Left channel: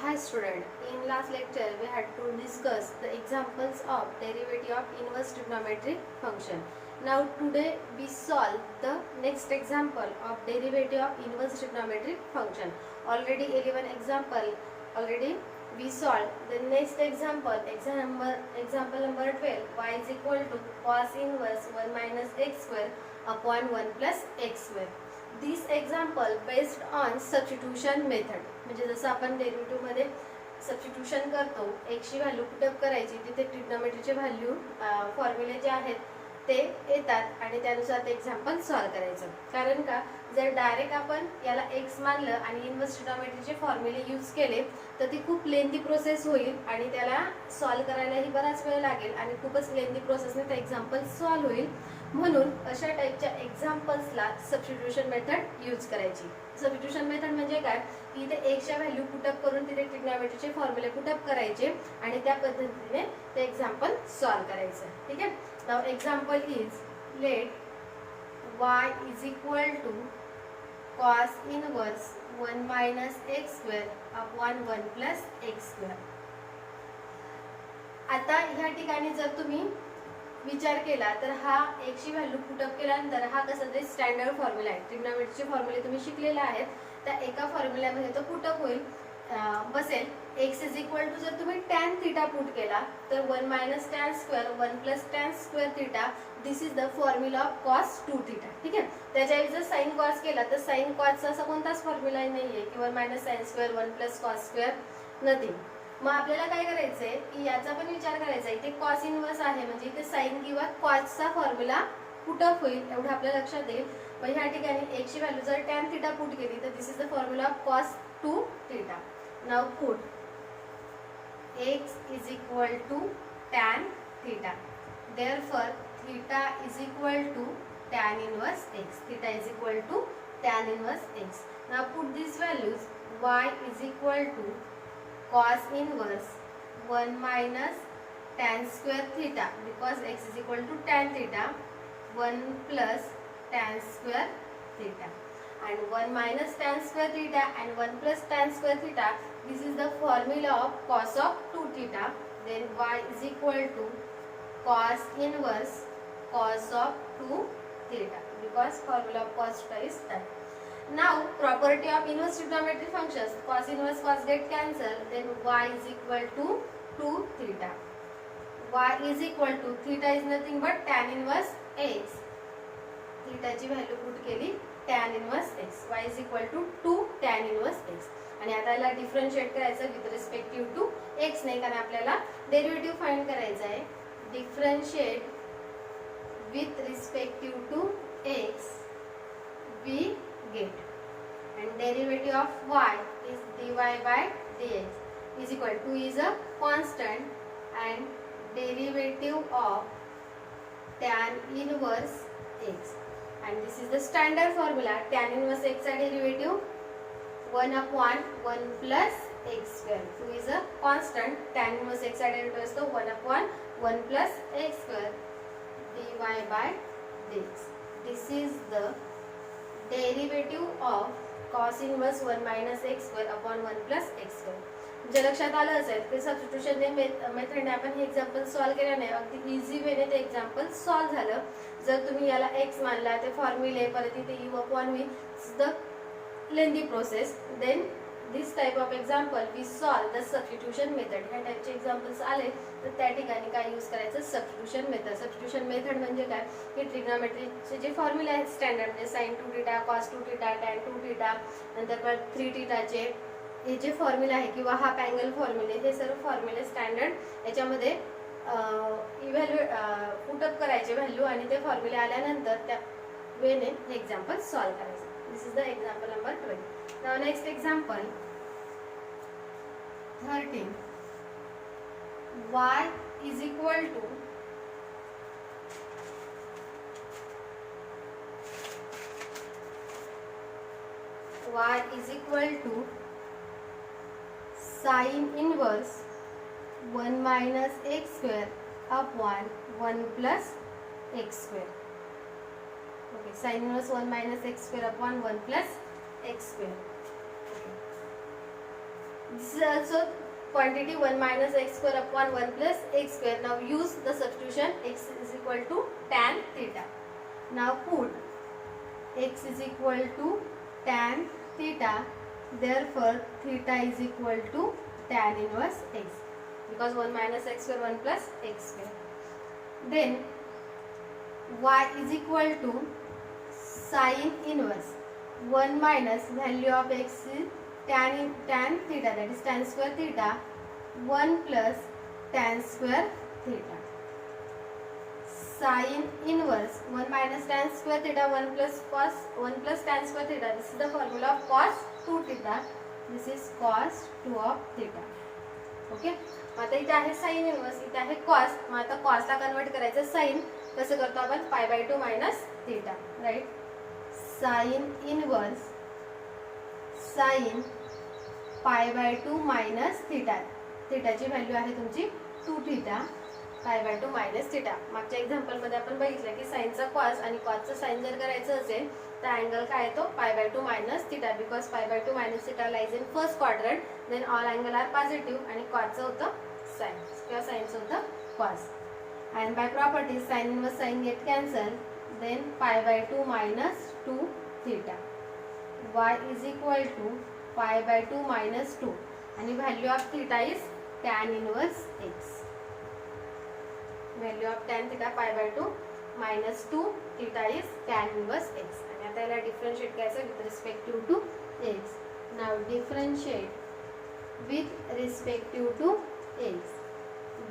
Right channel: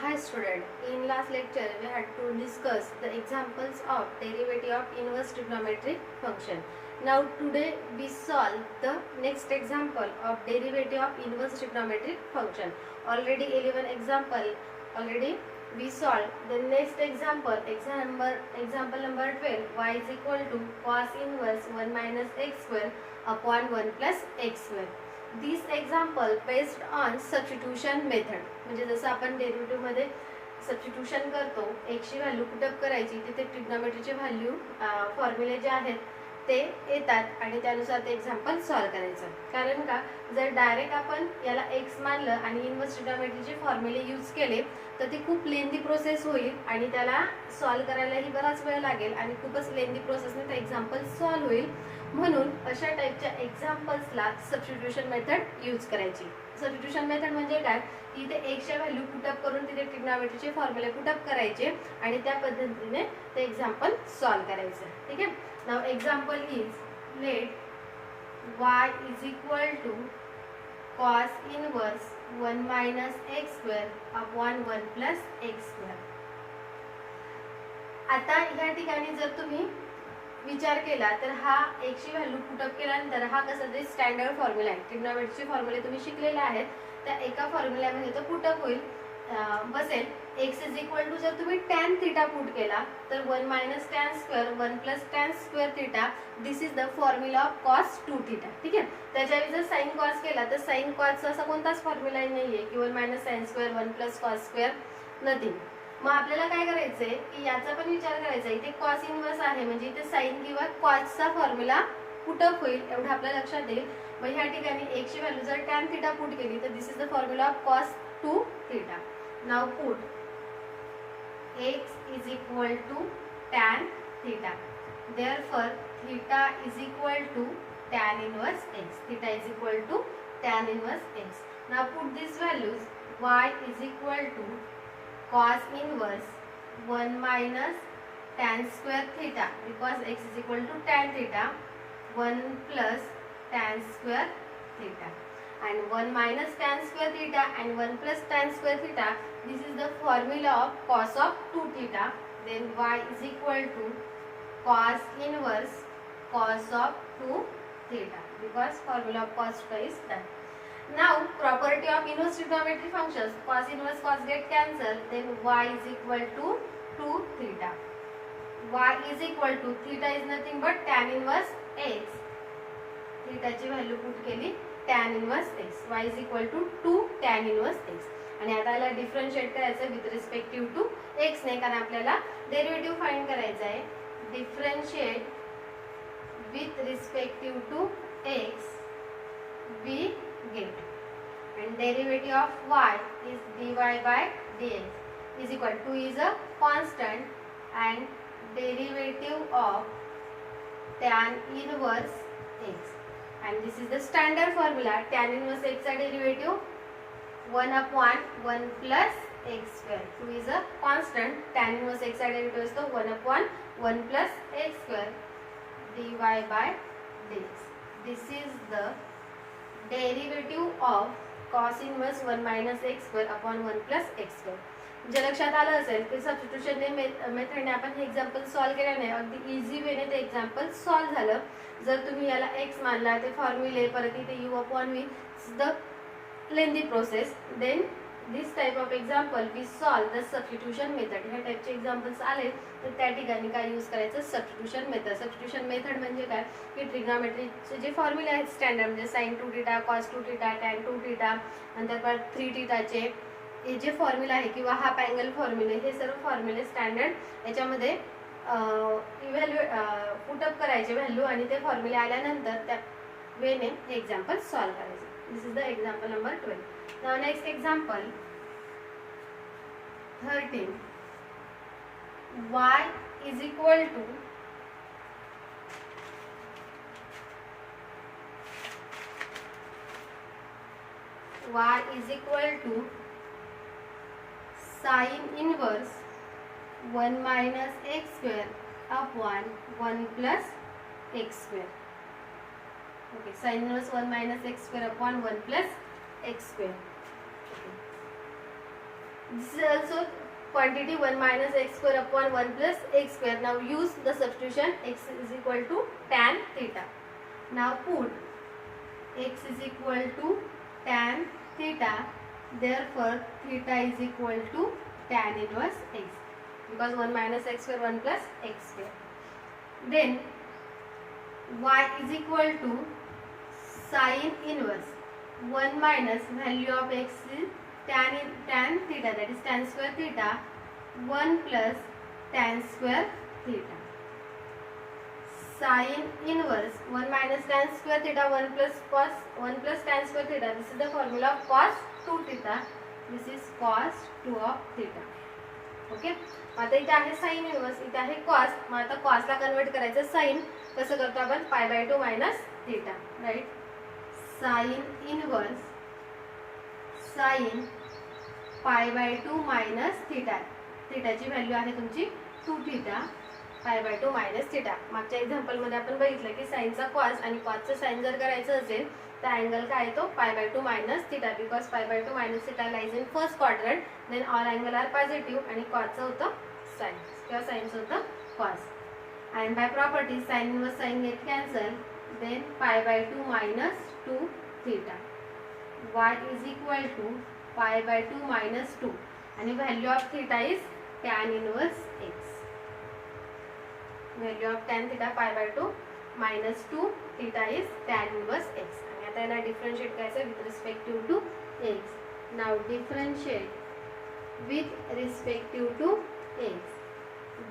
Hi student, in last lecture we had to discuss the examples of derivative of inverse trigonometric function. Now today we solve the next example of derivative of inverse trigonometric function. Already 11 example already we solved. The next example, example number 12, y is equal to cos inverse 1 minus x square upon 1 plus x square. This example based on substitution method. म्हणजे जसं आपण derivative मध्ये substitution करतो, एक्सची value put up करायची, तिथे ट्रिग्नोमेट्रीचे value फॉर्म्युले जे आहेत ते येतात आणि त्यानुसार ते एक्झाम्पल सॉल्व्ह करायचं. कारण का, जर डायरेक्ट आपण याला एक्स मानलं आणि इन्व्हर्स ट्रिग्नोमेट्रीचे फॉर्म्युले यूज केले तर ती खूप लेंदी प्रोसेस होईल आणि त्याला सॉल्व्ह करायलाही बराच वेळ लागेल आणि खूपच लेंदी प्रोसेसने ते एक्झाम्पल सॉल्व्ह होईल. म्हणून अशा टाईपच्या एक्झाम्पल्सला सबस्टिट्यूशन मेथड यूज करायची. सबस्टिट्यूशन मेथड म्हणजे काय, की इथे एक्सच्या व्हॅल्यू पुटअप करून तिथे ट्रिग्नोमेट्रीचे फॉर्म्युले पुटअप करायचे आणि त्या पद्धतीने ते एक्झाम्पल सॉल्व्ह करायचं. ठीक आहे. Now example is let y is equal to cos inverse 1 minus x square upon 1 plus x square. आता ह्या ठिकाणी जर तुम्ही विचार केला तर हा एक्सची व्हॅल्यू पुटअप केल्यानंतर हा कसा तरी स्टँडर्ड फॉर्म्युला आहे. ट्रिग्नोमेट्रीचे फॉर्म्युले तुम्ही शिकलेले आहेत, त्या एका फॉर्म्युल्यामध्ये तो पुटअप होईल बसेल. एक्स इज इक्वल टू जर तुम्ही टॅन थिटा पुट केला तर 1 minus tan square 1 plus tan square theta, this is the formula of cos 2 theta. ठीक आहे. त्याच्याऐवजी जर साइन कॉस केला तर साइन कॉसचा असा कोणताच फॉर्म्युला नाहीये की 1 minus sine square 1 plus cos square, nothing. मग आपल्याला काय करायचंय की याचा पण विचार करायचा. इथे कॉस इनवर्स आहे म्हणजे इथे साइन किंवा कॉसचा फॉर्म्युला पुटअप होईल, एवढं आपल्या लक्षात येईल. मग ह्या ठिकाणी एक्सची व्हॅल्यू जर टॅन थिटा पुट केली तर this is the formula of cos 2 theta. Now put x is equal to tan theta. Therefore, theta is equal to tan inverse x. Theta is equal to tan inverse x. Now put these values. Y is equal to cos inverse 1 minus tan square theta, because x is equal to tan theta, 1 plus tan square theta, and 1 minus tan square theta and 1 plus tan square theta. This is the formula of cos of 2 theta. Then y is equal to cos inverse cos of 2 theta, because formula of cos theta is that. Now property of inverse trigonometric functions, cos inverse cos get cancelled, then y is equal to 2 theta. Y is equal to theta is nothing but tan inverse x. theta ची value put केली tan inverse x. y is equal to 2 tan inverse x. आणि आता याला differentiate करायचं with respective to x ने, कारण आपल्याला derivative find करायचा आहे. Differentiate with respective to x we get and derivative of y is dy by dx is equal to is a constant and derivative of tan inverse x, and this is the standard formula. Tan inverse x चा derivative 1 upon 1 plus x square. 2 is a constant. Tan inverse x चा derivative असतो 1 upon 1 plus x square dy by dx. This is the derivative of cos inverse 1 minus x square upon 1 plus x square. जे लक्षात आलं असेल की substitution मेथडने आपण हे example solve केलं नाही, अगदी इझी वेने ते एक्झाम्पल सॉल्व्ह झालं. जर तुम्ही याला x मानला ते फॉर्म्युले परत इथे u upon v, the lengthy process. Then this type of example we solve the substitution method. ह्या टाइपचे एक्झाम्पल्स आले तर त्या ठिकाणी काय यूज करायचं, सबस्टिट्यूशन मेथड. सबस्टिट्यूशन मेथड म्हणजे काय, की ट्रिग्नोमेट्रीचे जे फॉर्म्युले आहेत स्टँडर्ड, म्हणजे sine 2 theta cos 2 theta tan 2 theta, नंतर परत 3 थिटाचे हे जे फॉर्म्युला आहे किंवा हाफ अँगल फॉर्म्युले, हे सर्व फॉर्म्युले स्टँडर्ड याच्यामध्ये पुटअप करायचे व्हॅल्यू आणि ते फॉर्म्युले आल्यानंतर त्या वेने हे एक्झाम्पल सॉल्व्ह करायचं. This is the example number 12. Now next example 13. y is equal to sin inverse 1 minus x square upon 1 plus x square. Okay, sin inverse 1 minus x square upon 1 plus x square. Okay. This is also quantity 1 minus x square upon 1 plus x square. Now use the substitution. X is equal to tan theta. Now put x is equal to tan theta. Therefore theta is equal to tan inverse x, because 1 minus x square 1 plus x square. Then y is equal to sin inverse 1 minus value of x is tan theta, that is tan square theta, 1 plus tan square theta. Sin inverse 1 minus tan square theta, 1 plus tan square theta. This is the formula of cos 2 theta. This is cos 2 of theta. Okay, आता इथे आहे sine inverse, इथे आहे cos. मग आता कॉसला convert करायचं sign. कसं करतो आपण? Pi by 2 minus theta, right. Sine inverse sine pi by 2 minus theta. थीटाची व्हॅल्यू आहे तुमची 2 theta, pi by 2 minus theta. मागच्या एक्झाम्पलमध्ये आपण बघितलं की साइनचा कॉस आणि कॉसचं साइन जर करायचं असेल तर अँगल काय येतो? Pi by 2 minus theta, because pi by 2 minus theta lies in first quadrant. Then all angle are positive आणि कॉसचं होतं साइन किंवा साइनचं होतं cos. And by property sine inverse sine get cancel. Then pi by 2 minus 2 theta. y is equal to pi by 2 minus 2 आणि value of theta is tan inverse x. Value of tan theta pi by 2 minus 2 theta is tan inverse x. आणि आता याला differentiate करायचं with respective to x. Now differentiate with respective to x.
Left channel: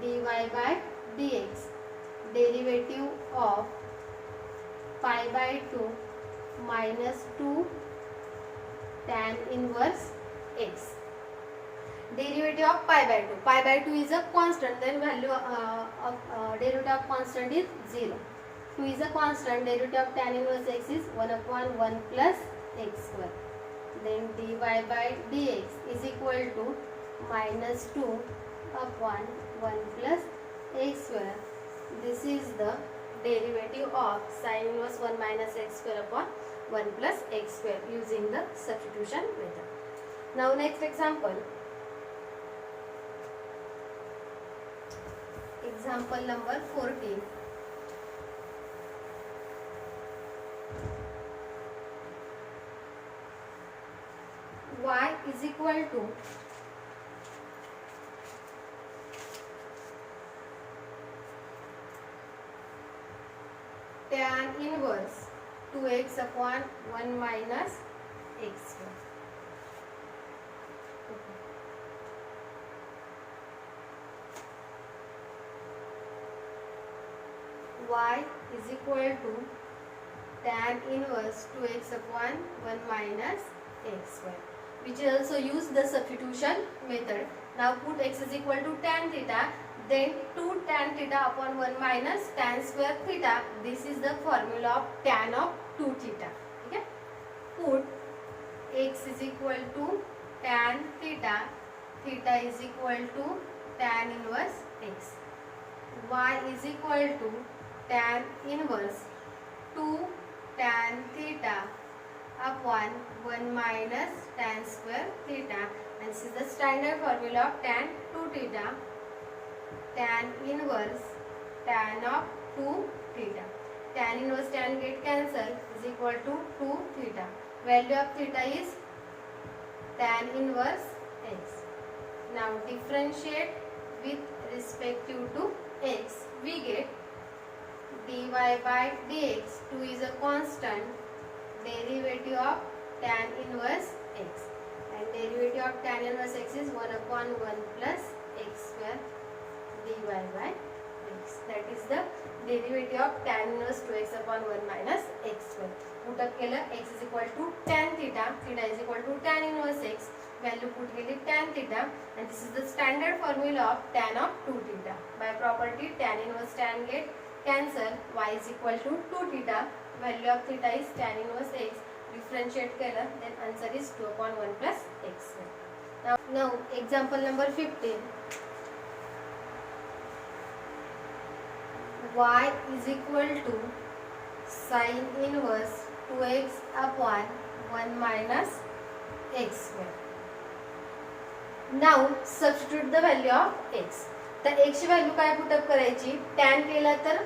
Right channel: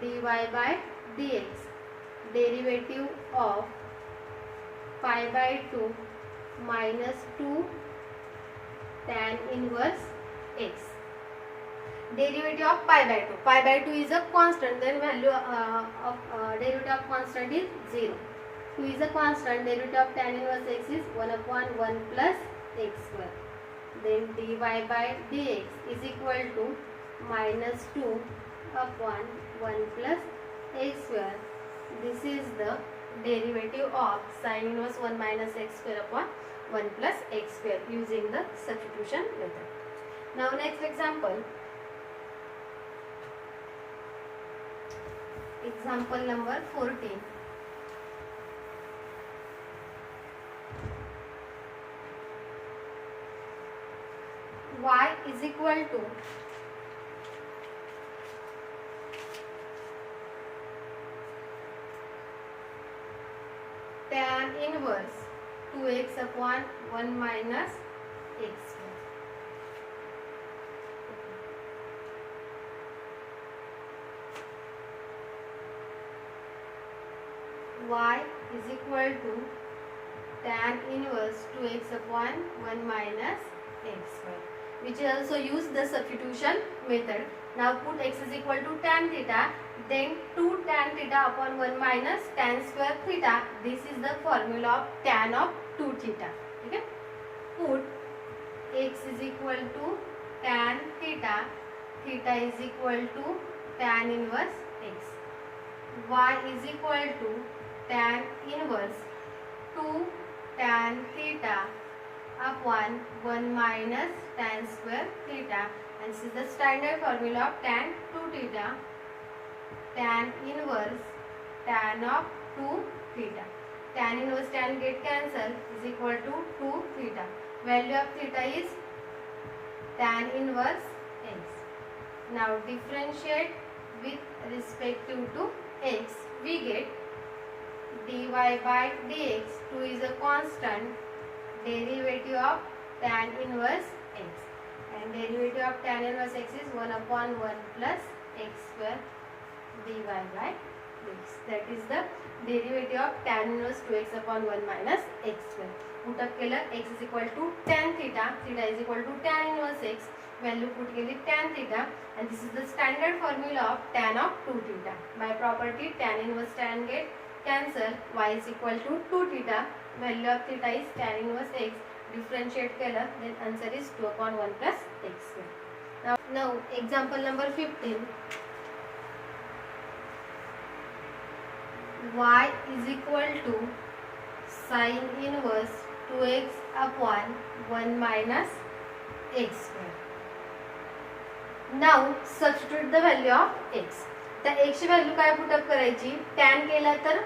dy by dx, derivative of pi by 2 minus 2 tan inverse x. Derivative of pi by 2. Pi by 2 is a constant. Then value of derivative of constant is 0. 2 is a constant. Derivative of tan inverse x is 1 upon 1 plus x square. Then dy by dx is equal to minus 2 upon 1 plus x square. This is the derivative of sin inverse 1 minus x square upon 1 plus x square using the substitution method. Now next example. Example number 14. Y is equal to tan inverse 2x upon 1 minus x square. Y is equal to tan inverse 2x upon 1 minus x square, which is also use the substitution method. Now put x is equal to tan theta, then 2 tan theta upon 1 minus tan square theta. This is the formula of tan of 2 theta. Okay, put x is equal to tan theta, theta is equal to tan inverse x. Y is equal to tan inverse 2 tan theta upon 1 minus tan square theta, and this is the standard formula of tan 2 theta. Tan inverse tan of 2 theta. Tan inverse tan get cancel is equal to 2 theta. Value of theta is tan inverse x. Now differentiate with respect to x. We get dy by dx. 2 is a constant. Derivative of tan inverse x, and derivative of tan inverse x is 1 upon 1 plus x square dy by dx. That is the derivative of tan inverse 2x upon 1 minus x square. Put up केलं x is equal to tan theta, theta is equal to tan inverse x. Value put केली tan theta, and this is the standard formula of tan of 2 theta. By property tan inverse tan get cancel. Y is equal to 2 theta. Value of theta is tan inverse x. Differentiate केलं, then answer is 2 upon 1 plus x square. Now example number 15. Y is equal to sin inverse 2x upon 1 minus x square. Now substitute the value of x. तर एक्सची value काय put up करायची, tan केलं तर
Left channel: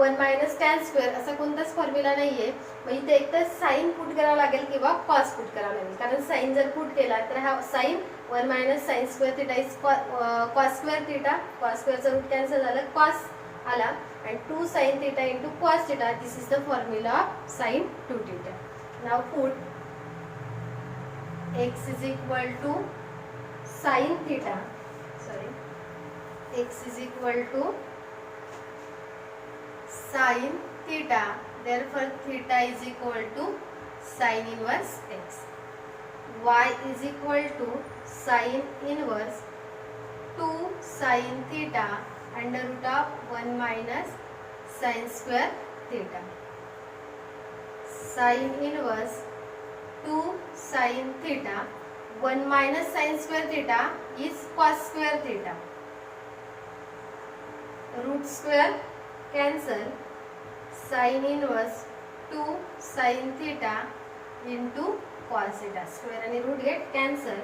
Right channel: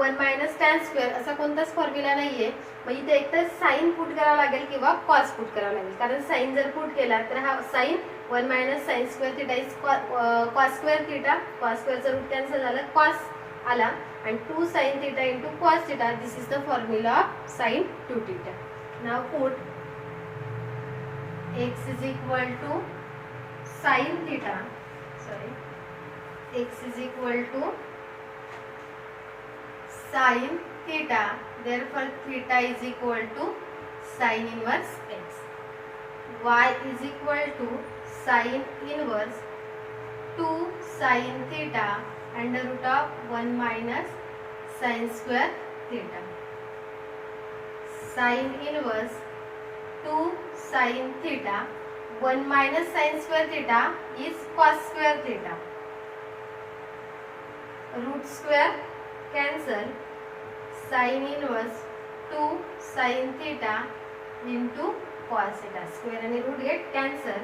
1 minus tan square असा कोणताच formula नाहीये. मग इथे एक तर साईन पुट करावं लागेल किंवा कॉस पुट करावं लागेल. कारण साईन जर पुट केला तर हा sine 1 minus sine square theta is cos square theta. Cos स्क्वेअरचं रूट कॅन्सल झालं, कॉस आला आणि 2 sine theta into cos theta. This is the formula of sine 2 theta. Now put x is equal to sin theta, x is equal to sin theta, therefore theta is equal to sin inverse x. Y is equal to sin inverse 2 sin theta under root of 1 minus sin square theta. Sin inverse 2 sin theta, 1 minus sin square theta is cos square theta. Root square cancel, sin inverse 2 sin theta into cos theta. Square and root get cancel.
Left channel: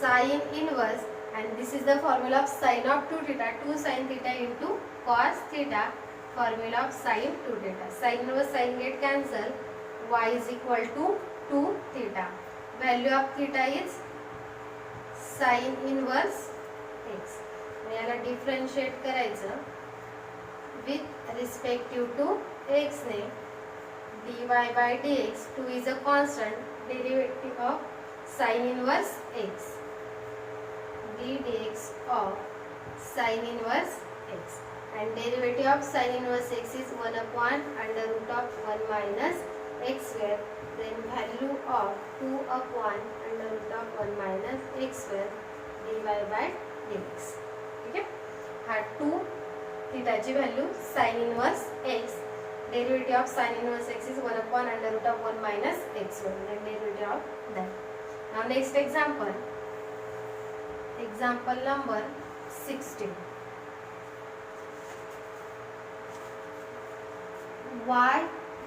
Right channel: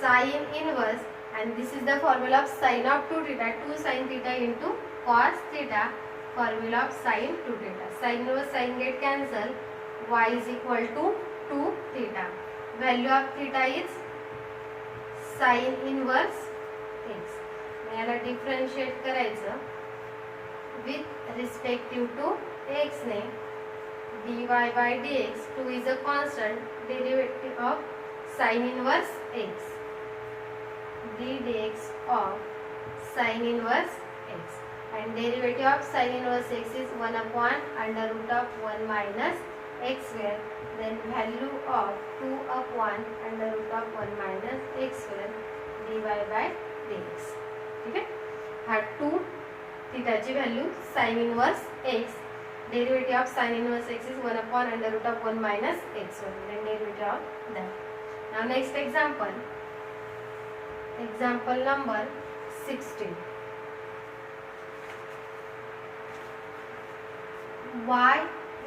Sin inverse, and this is the formula of sin of 2 theta. 2 sin theta into cos theta. Formula of sin 2 theta. Sin inverse sin get cancel. Y is equal to 2 theta. Value of theta is sin inverse x. याला differentiate करायचं with respective to x ने. dy by dx, 2 is a constant, derivative of sin inverse x. d dx of sin inverse x, and derivative of sin inverse x is 1 upon under root of 1 minus x square. Then value of 2 upon under root of 1 minus x square dy by dx. ठीक आहे. हा 2 थिटाची value sin inverse x, derivative of sin inverse x is 1 upon under root of 1 minus x square, and derivative of that. Now next example. Example number 16. Y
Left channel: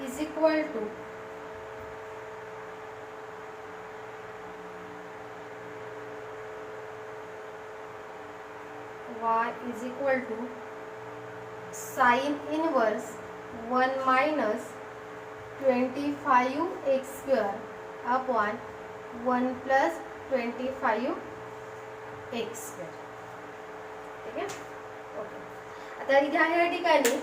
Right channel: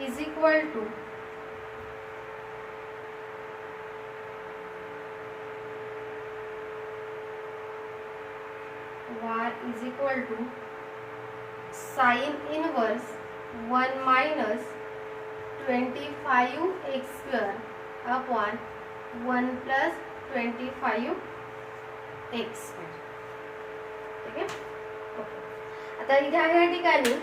is equal to sin inverse 1 minus 25x square upon 1 plus 25x square. ठीक आहे. Okay. आता इथे या ठिकाणी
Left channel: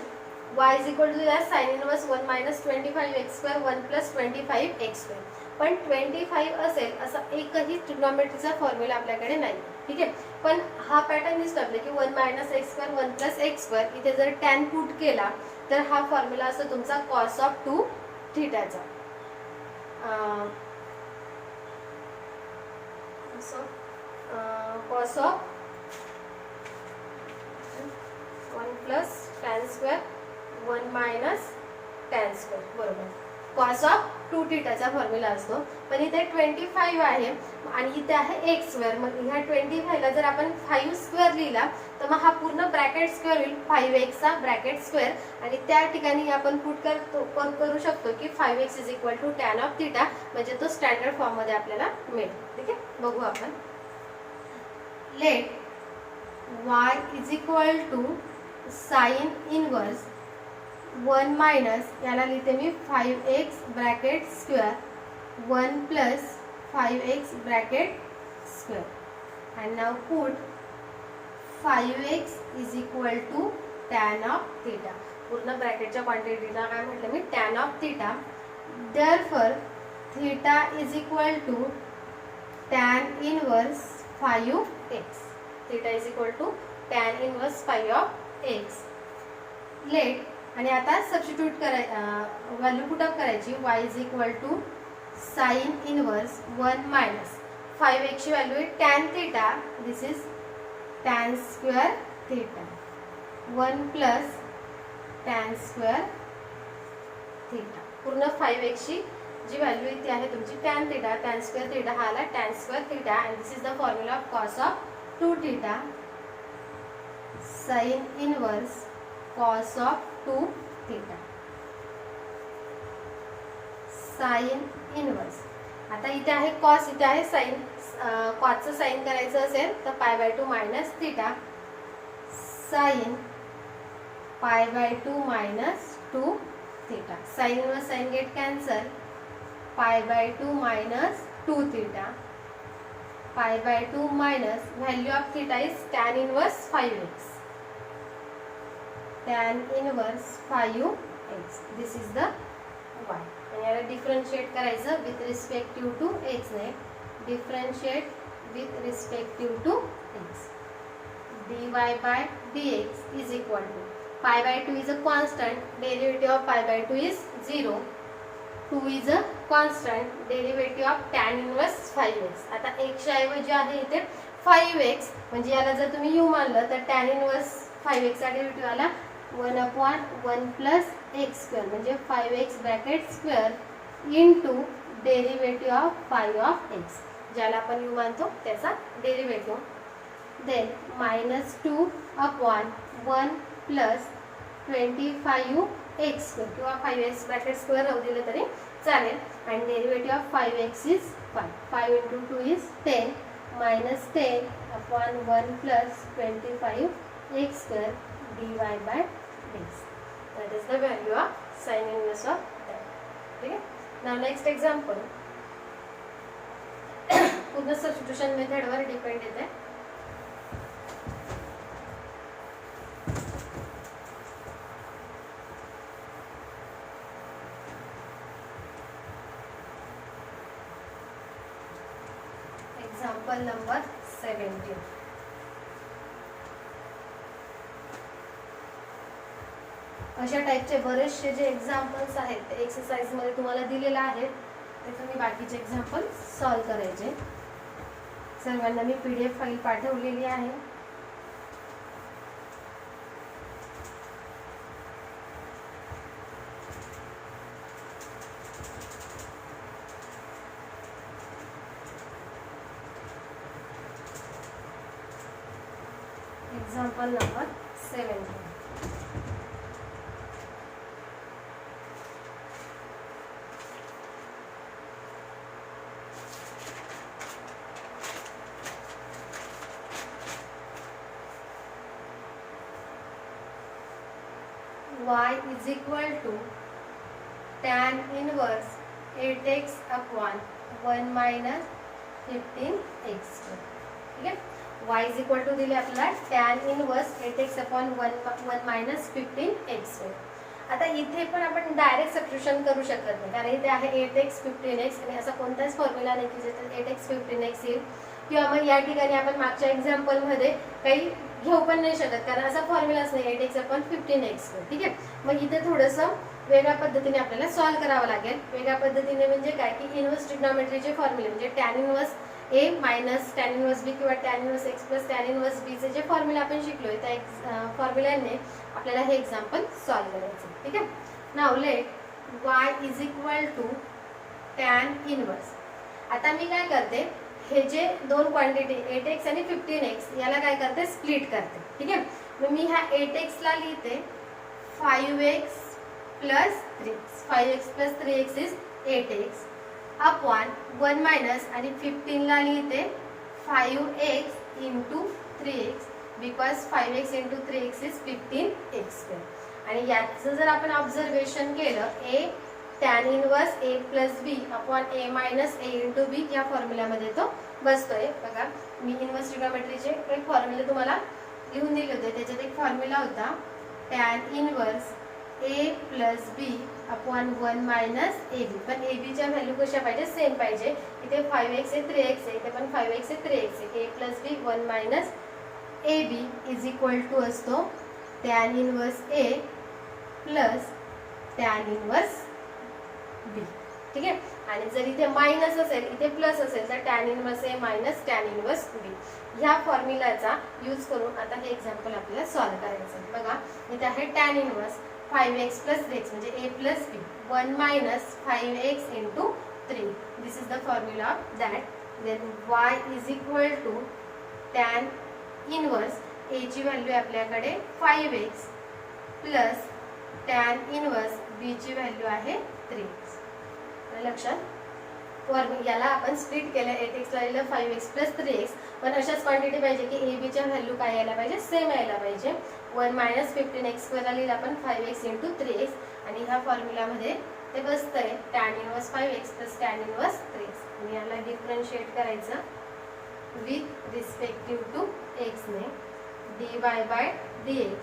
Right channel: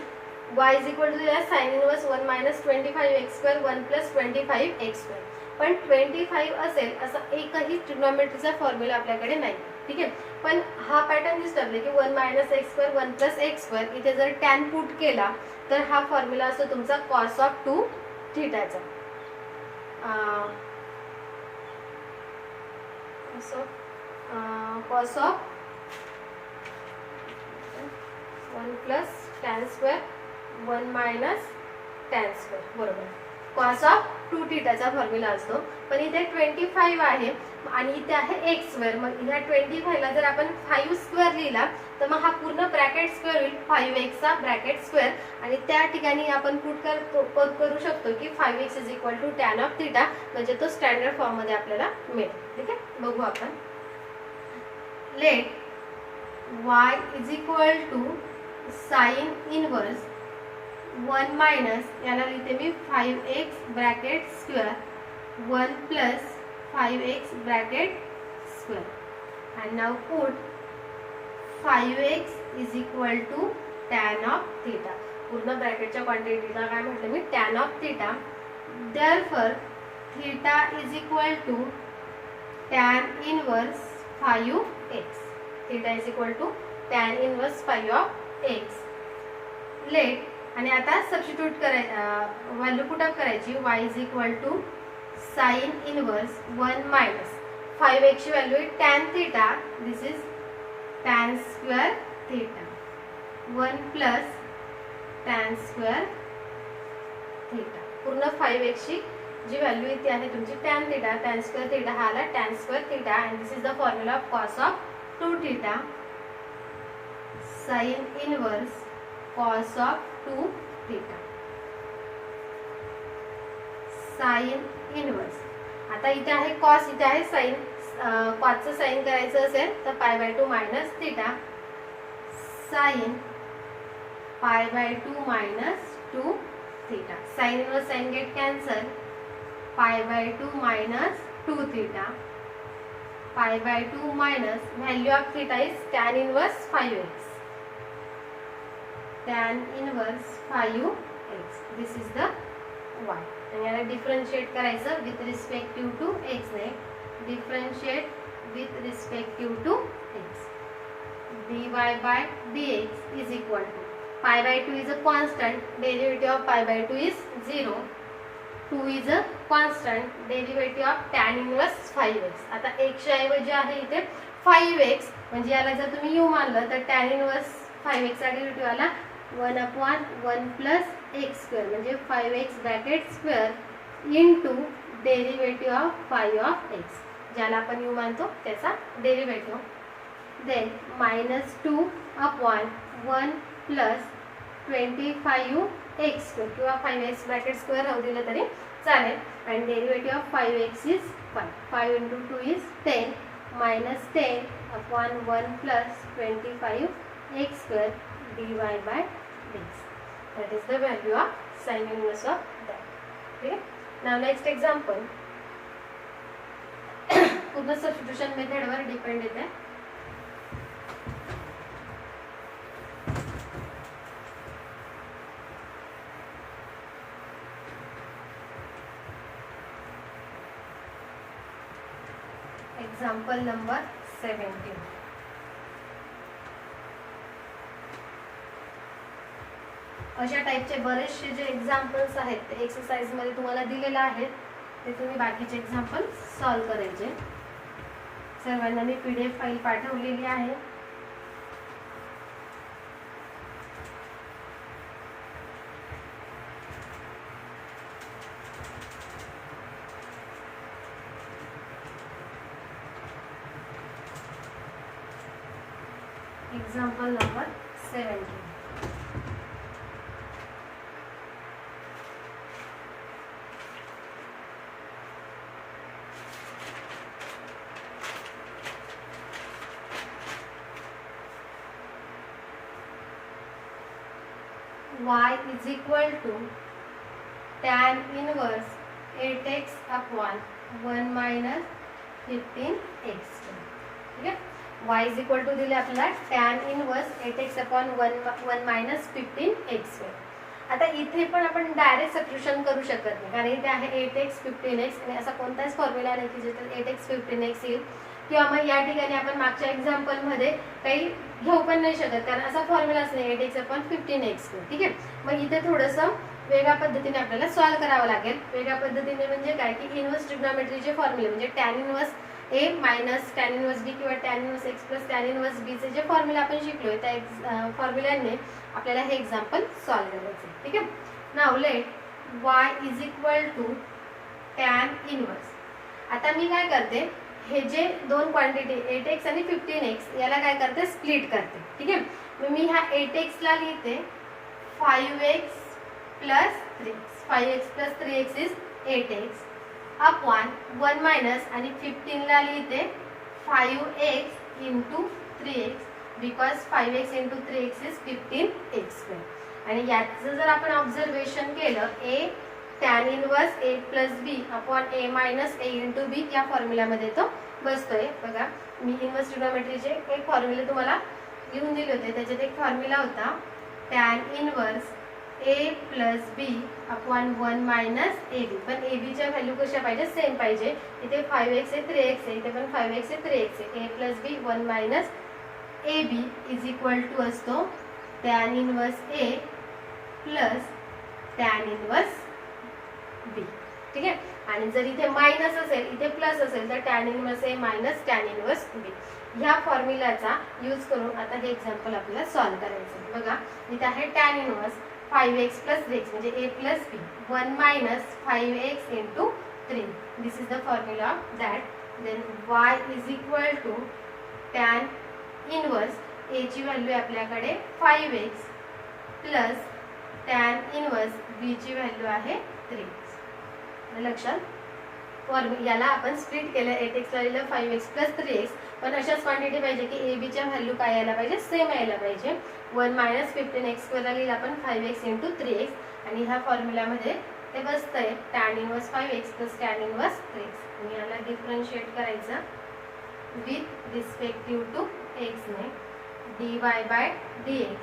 y is equal to sin inverse 1 minus 25x square 1 plus 25x square. पण 25 असेल असा एकही ट्रिग्नोमेट्रीचा फॉर्म्युला आपल्याकडे नाही. ठीक आहे. पण हा पॅटर्न दिसतो आपल्याला की 1 minus x square 1 plus x square. इथे जर टॅन पुट केला तर हा फॉर्म्युला असतो तुमचा कॉस ऑफ 2 थिटाचा. Cos of 1 plus tan square 1 minus tan square, बरोबर. कॉस ऑफ 2 थिटाचा फॉर्म्युला असतो. पण इथे 25 आहे आणि इथे आहे एक्स स्क्वेअर. मग ह्या 25 ला जर आपण 5 स्क्वेअर लिहिला तर मग हा पूर्ण ब्रॅकेट स्क्वेअर होईल 5x चा ब्रॅकेट स्क्वेअर. आणि त्या ठिकाणी आपण पुट करू शकतो की 5x is equal to tan of theta, म्हणजे तो स्टँडर्ड फॉर्म मध्ये आपल्याला मिळेल. ठीक आहे. बघू आपण. Let y is equal to sine inverse 1 minus, याला लिहिते मी 5x bracket square 1 plus 5x bracket square. and now put 5x is equal to tan of theta. पूर्ण ब्रॅकेटच्या क्वांटिटीला काय म्हटलं मी, tan of theta. therefore theta is equal to tan inverse 5x. theta is equal to tan inverse 5 of x. Let आणि आता substitute करायचं, value put up करायची. y is equal to sine inverse 1 minus 5x ची value आहे tan theta. This is tan square theta 1 plus tan square theta. पूर्ण 5x ची जी value इथे आहे तुमची tan theta, tan square theta हा आला tan square theta. And this is the formula of cos of 2 theta sine inverse cos of 2 theta. Sine inverse. आता इथे आहे cos, इथे आहे साइन. कॉसचं साईन करायचं असेल तर π/2 minus theta, sine π/2 minus 2 theta. Sine inverse sine get cancel, π/2 minus 2 theta, π/2 minus value of theta is tan inverse 5x, tan inverse 5x. This is the y. आणि याला डिफरन्शिएट करायचं with respective to x ने, differentiate with respective to x. dy by dx is equal to π/2 is a constant, derivative of π/2 is 0, 2 is a constant, derivative of tan inverse 5x. आता x च्या ऐवजी आहे इथे 5x, म्हणजे याला जर तुम्ही u मानलं तर tan inverse 5x चा डेरिव्हेटिव्ह आला 1/1 प्लस x स्क्वेअर, म्हणजे 5x bracket square into derivative of 5 of x, ज्याला आपण u मानतो त्याचा derivative. Then -2/1 plus 25x square किंवा 5x ब्रॅकेट स्क्वेअर राहू दिलं तरी चालेल. आणि derivative of 5x is 5. 5 into 2 is 10, -10/1 plus 25x square dy by dx. That is the value of sin inverse of that. Okay. Now next example. पूर्ण substitution method वर depend येते. Example number 17. अशा टाइपचे बरेचसे जे एक्झाम्पल्स आहेत ते exercise मध्ये तुम्हाला दिलेले आहेत, ते तुम्ही बाकीचे एक्झाम्पल सॉल्व करायचे. सर्वांना मी PDF फाईल पाठवलेली आहे. Example number 17. Y is equal to tan inverse 8x upon 1 minus 15x. ठीक आहे. y is equal to दिले आपल्याला tan inverse 8x upon 1 minus 15x. आता इथे पण आपण डायरेक्ट सबस्टिट्यूशन करू शकत नाही, कारण इथे आहे 8x 15x आणि असा कोणताच फॉर्म्युला नाही की ज्याच्यात 8x 15x येईल. किंवा मग या ठिकाणी आपण मागच्या एक्झाम्पल मध्ये काही घेऊ पण नाही शकत, कारण असा फॉर्म्युलाच नाही 8x upon 15x. ठीक आहे. मग इथे थोडंसं वेगळ्या पद्धतीने आपल्याला सॉल्व्ह करावं लागेल. वेगळ्या पद्धतीने म्हणजे काय की इनवर्स ट्रिग्नोमेट्रीचे फॉर्म्युले म्हणजे tan inverse a minus tan inverse b किंवा tan inverse x plus tan inverse b चे जे फॉर्म्युला आपण शिकलोय त्या फॉर्म्युलाने आपल्याला हे एक्झाम्पल सॉल्व्ह करायचे. ठीक आहे. Now let y is equal to tan inverse. आता मी काय करते, हे जे दोन क्वांटिटी 8x आणि 15x याला काय करते, स्प्लिट करते. ठीक आहे. मग मी ह्या 8x ला लिहिते 5x plus 3x. 5x plus 3x is 8x upon 1 minus आणि 15 ला लिहिते 5x into 3x, because 5x into 3x is 15x square. आणि याचं जर आपण ऑब्झर्वेशन केलं, a tan inverse a plus b upon a minus a into b या फॉर्म्युल्यामध्ये तो बसतोय. बघा मी इनवर्स ट्रिग्नोमेट्रीचे एक फॉर्म्युले तुम्हाला लिहून दिले होते, त्याच्यात एक फॉर्म्युला होता tan inverse a plus b upon 1 minus ab. पण ab च्या व्हॅल्यू कशा पाहिजे, सेम पाहिजे. इथे 5x आहे 3x आहे, इथे पण 5x आहे 3x आहे. a plus b 1 minus ab is equal to असतो tan inverse a plus tan inverse b. ठीक आहे. आणि जर इथे मायनस असेल इथे प्लस असेल तर tan inverse a minus tan inverse b. ह्या फॉर्म्युलाचा यूज करून आता हे एक्झाम्पल आपल्याला सॉल्व्ह करायचं आहे. बघा इथे आहे tan inverse 5x plus 3x म्हणजे a plus b 1 minus 5x into 3. This is the formula that. Then y is equal to tan inverse a ची व्हॅल्यू आपल्याकडे 5x plus tan inverse b ची value आहे 3x. लक्षात. याला आपण split केलं, 8x ला लिहिलं 5x प्लस 3x, पण अशाच क्वांटिटी पाहिजे की ए बीच्या व्हॅल्यू काय यायला पाहिजे, सेम यायला पाहिजे. 1 मायनस 15x² ला लिहिलं आपण 5x इंटू 3x, आणि ह्या फॉर्म्युल्यामध्ये ते बसतंय tan inverse 5x plus tan inverse 3x. आणि याला डिफरन्शिएट करायचं विथ रिस्पेक्टिव्ह टू x ने, dy by dx,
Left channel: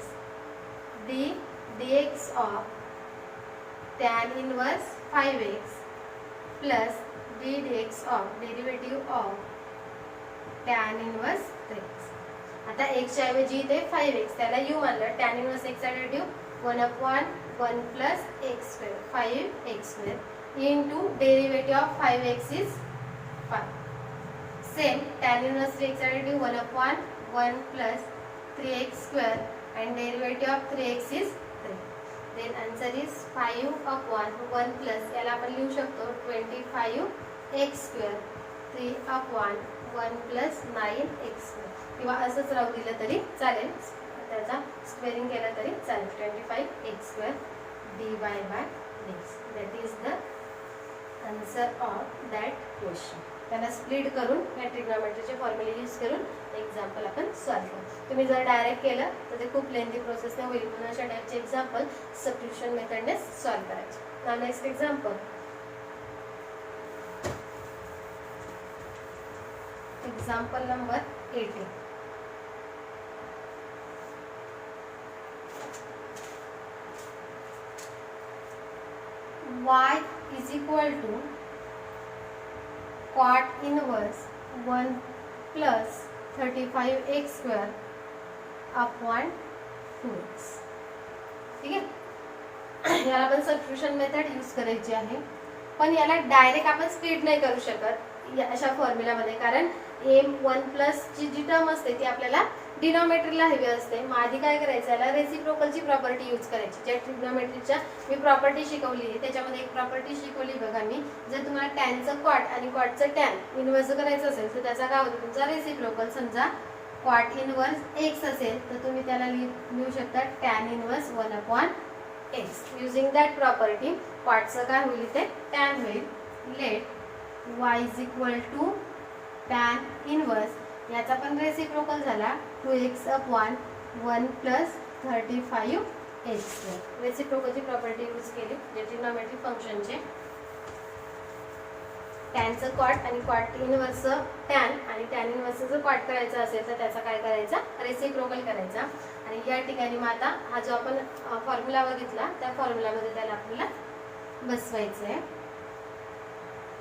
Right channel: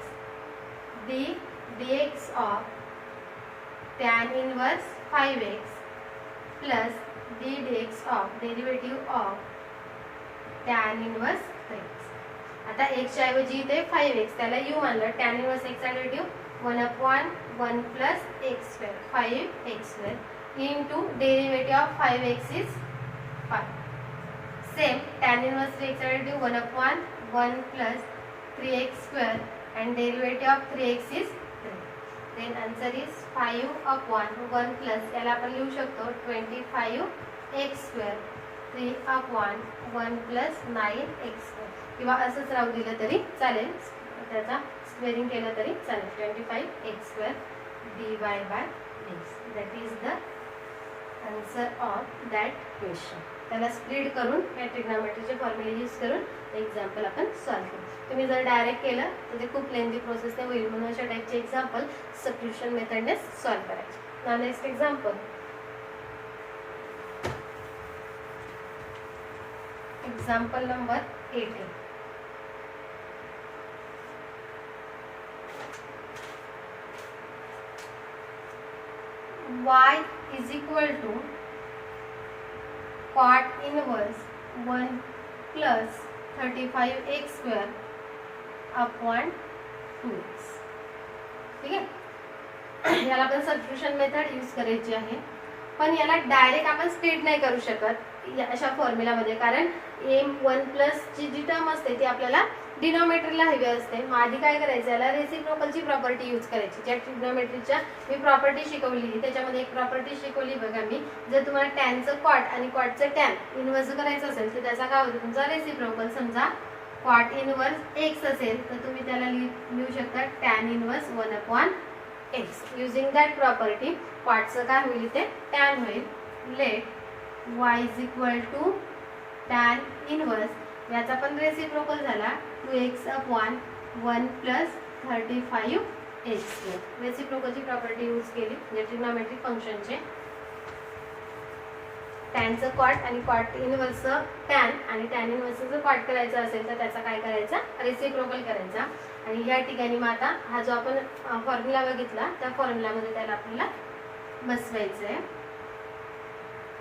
dx of tan inverse 5x plus dx of derivative of tan inverse 3x. आता x च्या ऐवजी इथे 5x, त्याला u मानलं. tan इनवर्स x चा derivative 1/1 plus x² 5x² into derivative of 5x is 5. Same tan inverse 3x चा derivative 1/1 plus 3x² and derivative of 3x is 3. Then answer is 5/1 plus, याला आपण लिहू शकतो 25x² 3/1 plus 9x², किंवा असंच राहू दिलं तरी चालेल, त्याचा स्क्वेअरिंग केलं तरी चालेल. 25x² dy by dx. That is the answer of that question. त्याला स्प्लिट करून या ट्रिग्नोमेट्रीचे फॉर्म्युले यूज करून एक्झाम्पल आपण सॉल्व्ह करू. तुम्ही जर डायरेक्ट केलं तर ते खूप लेंथी प्रोसेस नाही होईल, म्हणून अशा टाईपचे एक्झाम्पल सबस्टिट्यूशन मेथडने सॉल्व्ह करायचे. Now next example. Example number 18. y is equal to cot inverse 1 plus 35x² upon 2x. ठीक आहे, याला आपण सबस्टिट्यूशन मेथड यूज करायची आहे, पण याला डायरेक्ट आपण स्प्लिट नाही करू शकत अशा फॉर्म्युलामध्ये, कारण m1 प्लस ची जी टर्म असते ती आपल्याला डिनॉमिनेटरला हवी असते. मग आधी काय करायचं, याला रेसिप्रोकलची प्रॉपर्टी यूज करायची. ज्या ट्रिग्नोमेट्रीच्या मी प्रॉपर्टी शिकवली त्याच्यामध्ये एक प्रॉपर्टी शिकवली बघा मी, जर तुम्हाला टॅनचं कॉट आणि कॉटचं टॅन इन्व्हर्स करायचं असेल तर त्याचा काय होतं, तुमचा रेसिप्रोकल. समजा कॉट इन्व्हर्स x असेल तर तुम्ही त्याला लिहू शकता tan inverse 1/x. Using that property कॉटचं काय होईल, ते टॅन होईल. Let y is equal to tan inverse, याचा पण रेसिप्रोकल झाला 2x/1 प्लस 35x². रेसिप्रोकलची प्रॉपर्टी यूज केली ट्रिग्नोमेट्रिक फंक्शनचे. टॅनचं कॉट आणि कॉट इन्व्हर्सचं टॅन आणि टॅन इन्व्हर्सचं जर कॉट करायचं असेल तर त्याचा काय करायचा, रेसिप्रोकल करायचा. आणि या ठिकाणी मग आता हा जो आपण फॉर्म्युला बघितला त्या फॉर्म्युलामध्ये त्याला आपल्याला बसवायचं आहे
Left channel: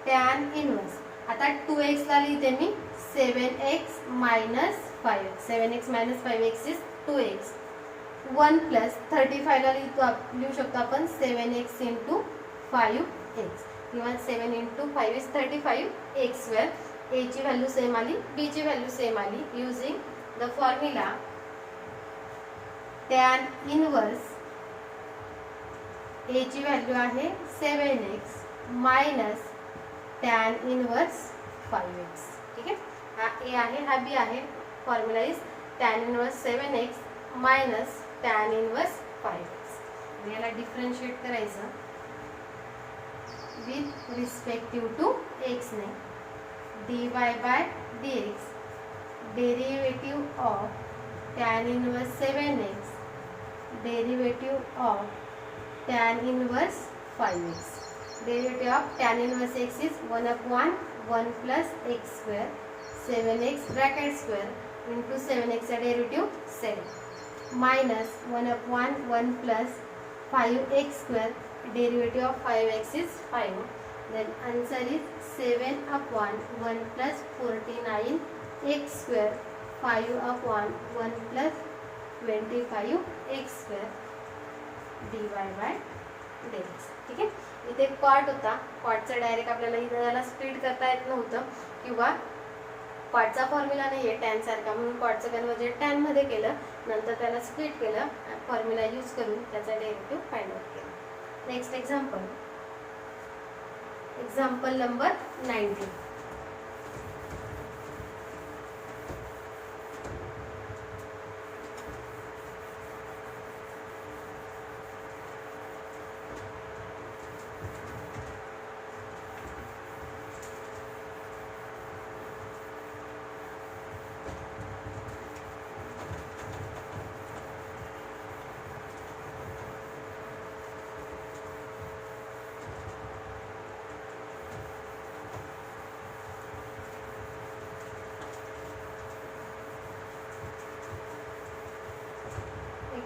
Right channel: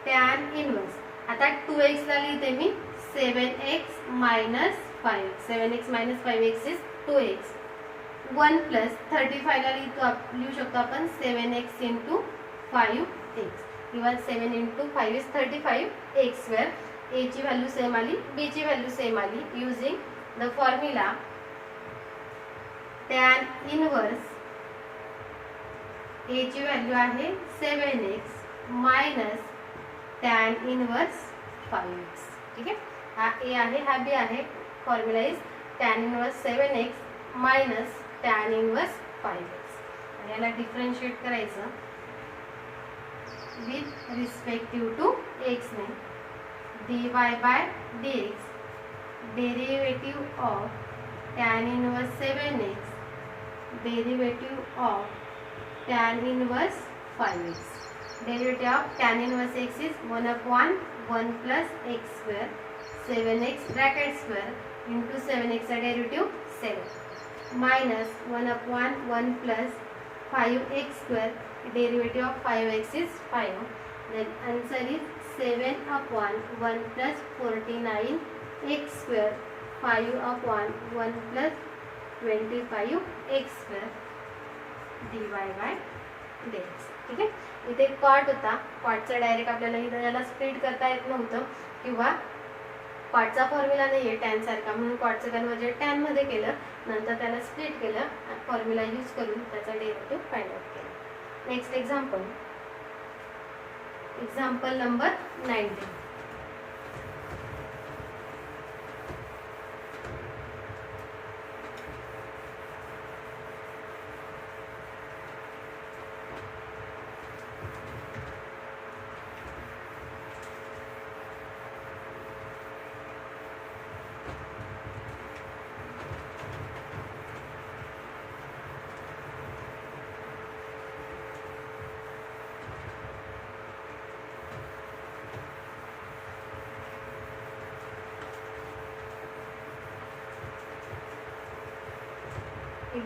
टॅन इन्व्हर्स. आता 2x ला लिहिते मी 7x minus 5x. 7x minus 5x is 2x. 1 plus 35 ला लिहू शकतो आपण 7x into 5x, किंवा 7 into 5 is 35x². a ची व्हॅल्यू सेम आली, b ची व्हॅल्यू सेम आली. Using the formula tan inverse a ची व्हॅल्यू आहे 7x minus tan inverse 5x. ठीक आहे, हा a आहे हा b आहे. Formula is tan inverse 7x minus tan inverse 5x. आणि याला डिफरन्शिएट करायचं विथ रिस्पेक्टिव्ह टू x ने, dy by dx, derivative of tan inverse 7x, derivative of tan inverse 5x. Derivative of tan inverse x is 1/1 plus x², 7x bracket square into 7x चा derivative 7 minus 1/1 plus 5x², derivative of 5x is 5. Then answer is 7/1 plus 49x², 5/1 plus 25x² dy by dx. ठीक आहे, इथे cot होता, कॉटचा direct आपल्याला इथं याला split करता येत नव्हतं, किंवा कॉटचा फॉर्म्युला नाही आहे टॅन सारखा, म्हणून कॉटचं कन्वर्जन टॅन मध्ये केलं, नंतर त्याला स्प्लिट केलं, फॉर्म्युला यूज करून त्याचा डेरिव्हेटिव्ह फाइंड आउट केला. Next example, example number 19.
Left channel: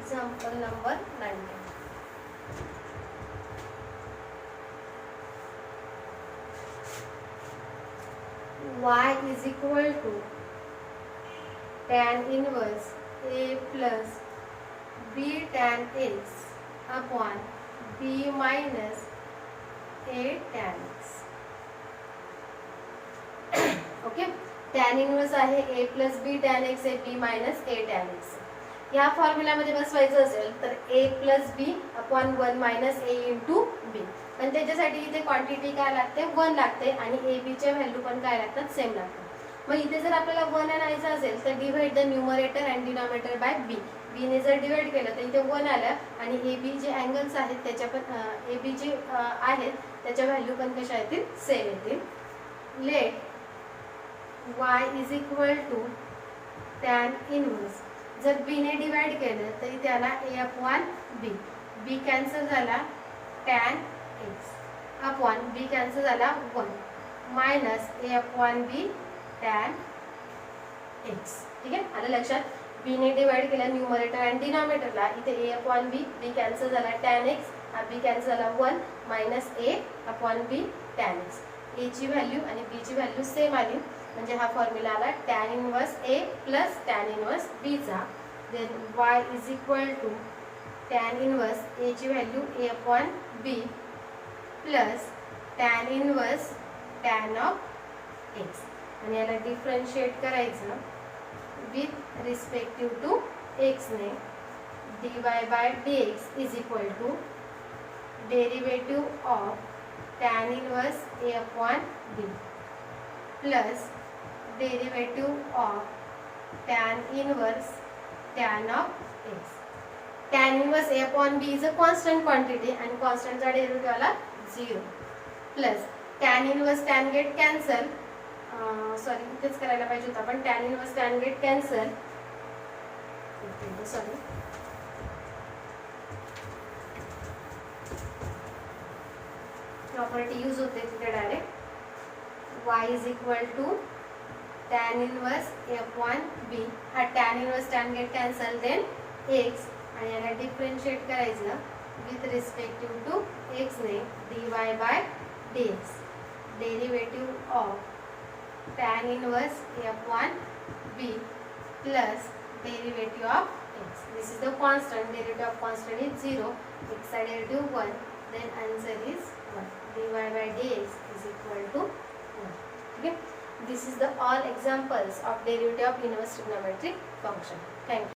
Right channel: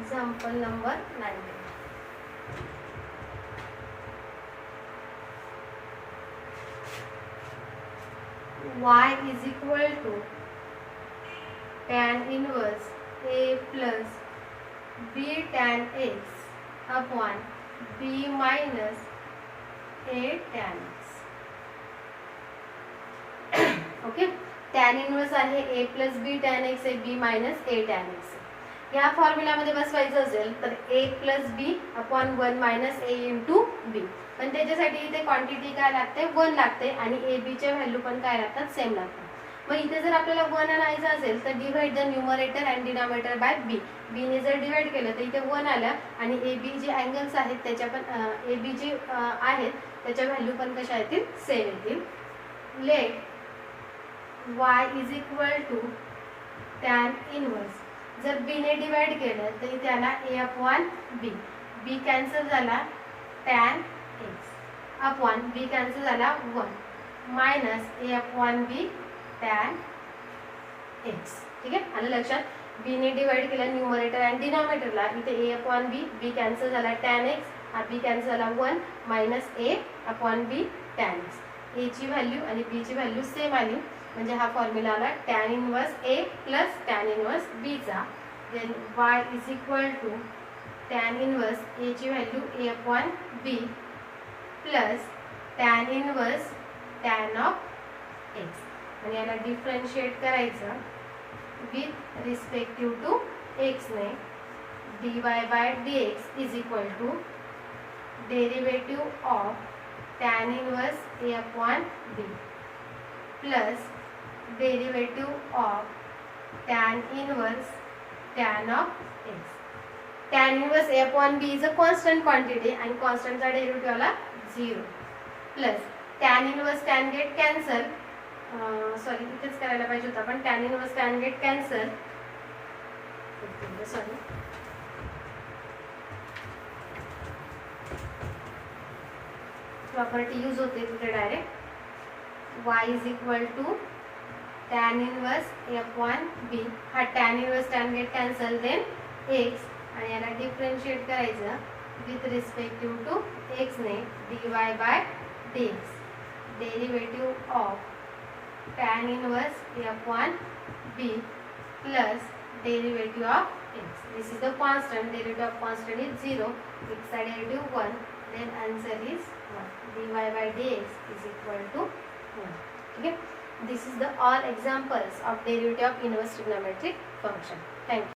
Example number 19. Y is equal to tan inverse A plus B tan x upon B minus A tan x. Okay, tan inverse आहे A plus B tan x आहे B minus A tan x. या फॉर्म्युल्यामध्ये बसवायचं असेल तर A plus B upon 1 minus A into B. पण त्याच्यासाठी इथे क्वांटिटी काय लागते 1 लागते आणि ए बीच्या व्हॅल्यू पण काय लागतात सेम लागतात. मग इथे जर आपल्याला 1 आणायचं असेल तर divide the numerator and denominator by B. B ने जर डिवाइड केलं तर इथे 1 आलं आणि ए बी जे अँगल्स आहेत त्याच्या पण ए बी जे आहेत त्याच्या व्हॅल्यू पण कशा येतील सेम येतील. Let y is equal to tan inverse. जर b ने डिवाइड केलं तर इथे आला a upon b. b cancel झाला tan x upon b cancel झाला 1 minus a upon b tan x. ठीक आहे, आलं लक्षात. b ने डिवाइड केलं न्यूमरेटर आणि डिनॉमिनेटरला. इथे a upon b, b cancel झाला टॅन x, हा b कॅन्सल झाला 1 minus a upon b tan x. a ची व्हॅल्यू आणि b ची व्हॅल्यू सेम आली म्हणजे हा फॉर्म्युला आला tan inverse a plus tan inverse b चा. Then y is equal to tan inverse a ची value a upon b plus tan inverse tan of x. आणि याला डिफरन्शिएट करायचं विथ रिस्पेक्टिव्ह टू x ने. dy by dx is equal to derivative of tan inverse a upon b plus derivative of tan inverse tan of x. Tan inverse a upon b is a constant quantity आणि कॉन्स्टंटचा derivative आला 0 plus tan inverse tan get cancel. Sorry इथेच करायला पाहिजे होता पण tan inverse tan get cancel. Sorry property use होते तिथे direct. y is equal to tan inverse a upon b. हा tan inverse tan get cancel then x आणि याला डिफरन्शिएट करायचं विथ रिस्पेक्टिव्ह टू x ने. dy by dx derivative of tan inverse a upon b plus derivative of x. This is the constant. Derivative of constant is 0, x चा derivative 1. Then answer is 1. dy by dx is equal to 1. Okay, this is the all examples of derivative of inverse trigonometric function. Thank you.